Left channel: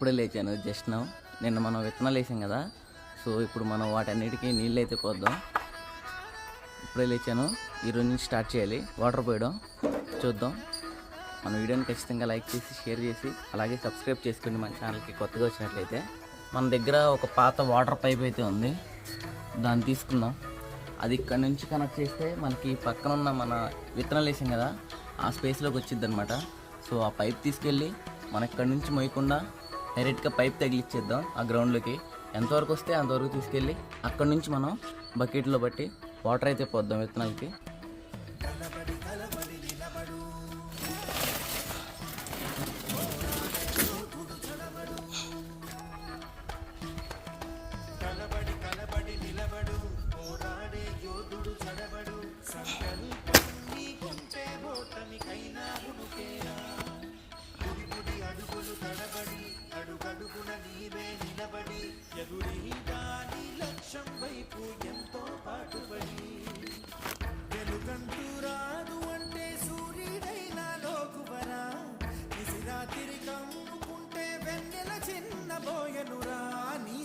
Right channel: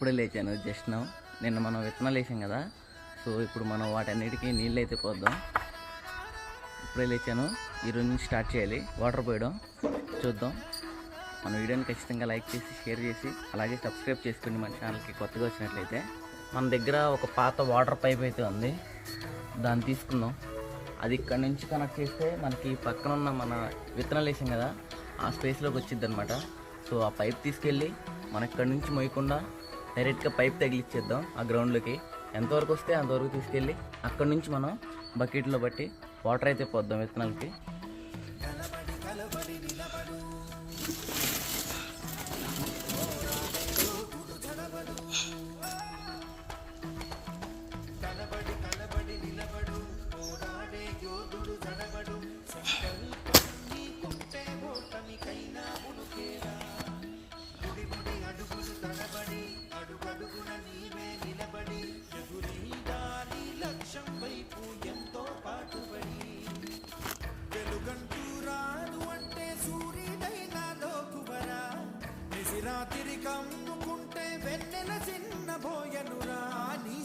ఇప్పుడే లేచాను just now. నిన్న మనం విత్తనాలు వేసాం కదా, సో ఇప్పుడు మనం వాటన్నిటికీ నీళ్ళు అయితే పోద్దాం. ఇప్పుడే లేచాను, ఈరోజు నుంచి స్టార్ట్ చేయాలి వాటర్ పోయడం. చూద్దాం. మన వీడియోని ఖచ్చితంగా లైక్ చేసి షేర్ చేసి అలాగే సబ్స్క్రైబ్ చేసుకోండి మన ఛానల్కి కొత్తగా వచ్చినట్లయితే. మన దగ్గర ఒక పాత వాటర్ పైప్ అయితే ఉంది, దాన్ని తీసుకుందాం. అది ఇక్కడ నుంచి కనెక్ట్ చేస్తే మనకి పక్కన ఉన్న మన విత్తనాలు వేసాం కదా ఆ స్పేస్లోకి వచ్చింది అనమాట. సో ఆ పైప్ తీసుకెళ్ళి మన ఇక్కడ నుంచి మోయకుండా డైరెక్ట్గా పైప్ తగిలిచ్చేద్దాం ఆ గ్రౌండ్లోకి. ఎంతవరకు వస్తే అంతవరకు తీసుకెళ్ళి అక్కడ నుంచి మనం బకెట్లో బట్టి వాటర్ అయితే పోద్దాం విత్తనాలకి.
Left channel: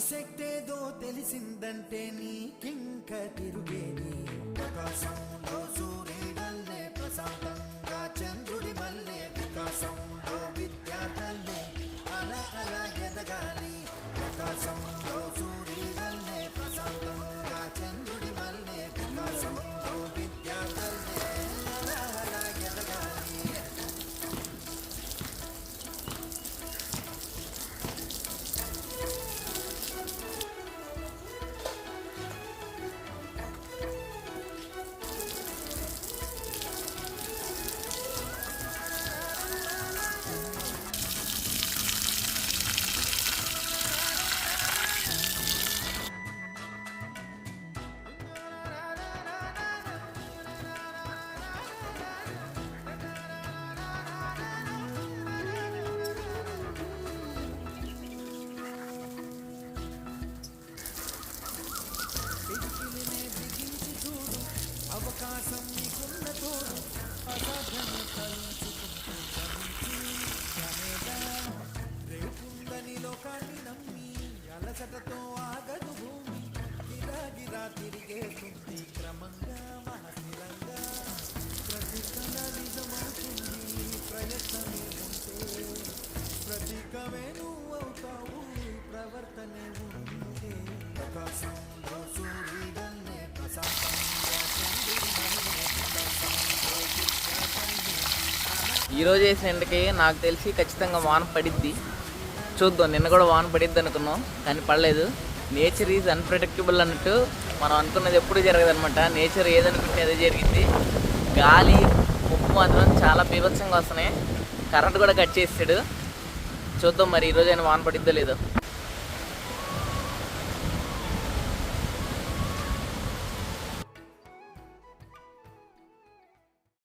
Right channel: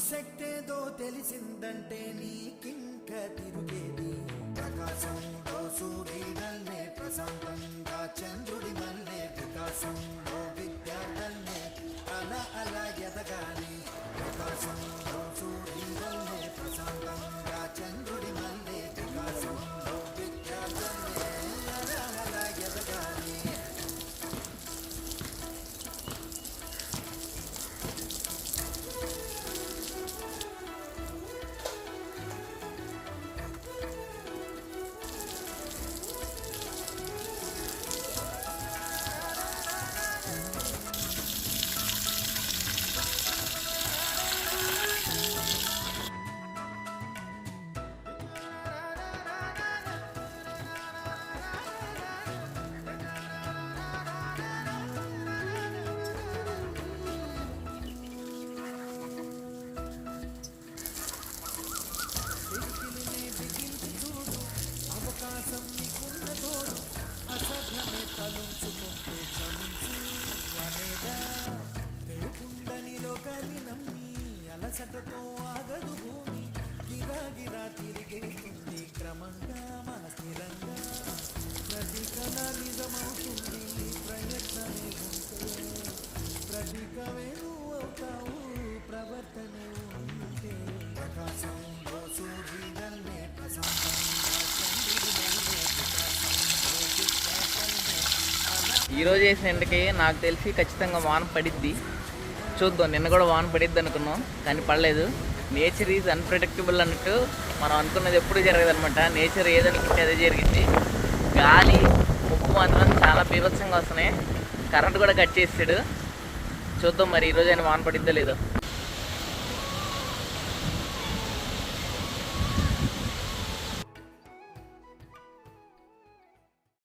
శక్తిదో తెలిసిందంటే నీకింక తిరుగేది. ప్రకాశంలో సూర్యుడల్లే ప్రశాంతంగా చంద్రుడి వల్లే వికాసంలో విద్యార్థులే అలా అలా ఎదగాలి. ప్రకాశంలో సూర్యుడల్లే ప్రశాంతంగా చంద్రుడి వల్లే వికాసంలో విద్యార్థులే అలా అలా ఎదగాలి. ఈరోజు వేసిన ఎండకి నాకు తెలిసి ఖచ్చితంగా వాన పడిద్ది. చూద్దాం. నిన్న కూడా వాన పడిద్ది అనుకున్నాం కానీ పడలేదు. నేచర్ ఈజ్ అన్ప్రెడిక్టబుల్ అన్నట్టు మనం అనుకున్నది ఎప్పుడు జరగదు అనమాట. నేచర్ ఏదనుకుంటే అదే జరిగింది. గాలి ముప్పు మాత్రం చాలా బీభత్సంగా వస్తున్నాయి. కరెంట్ కూడా కట్ చేసాడు. చూద్దాం మరి ఈరోజు అయినా వాన పడిద్దో లేదో.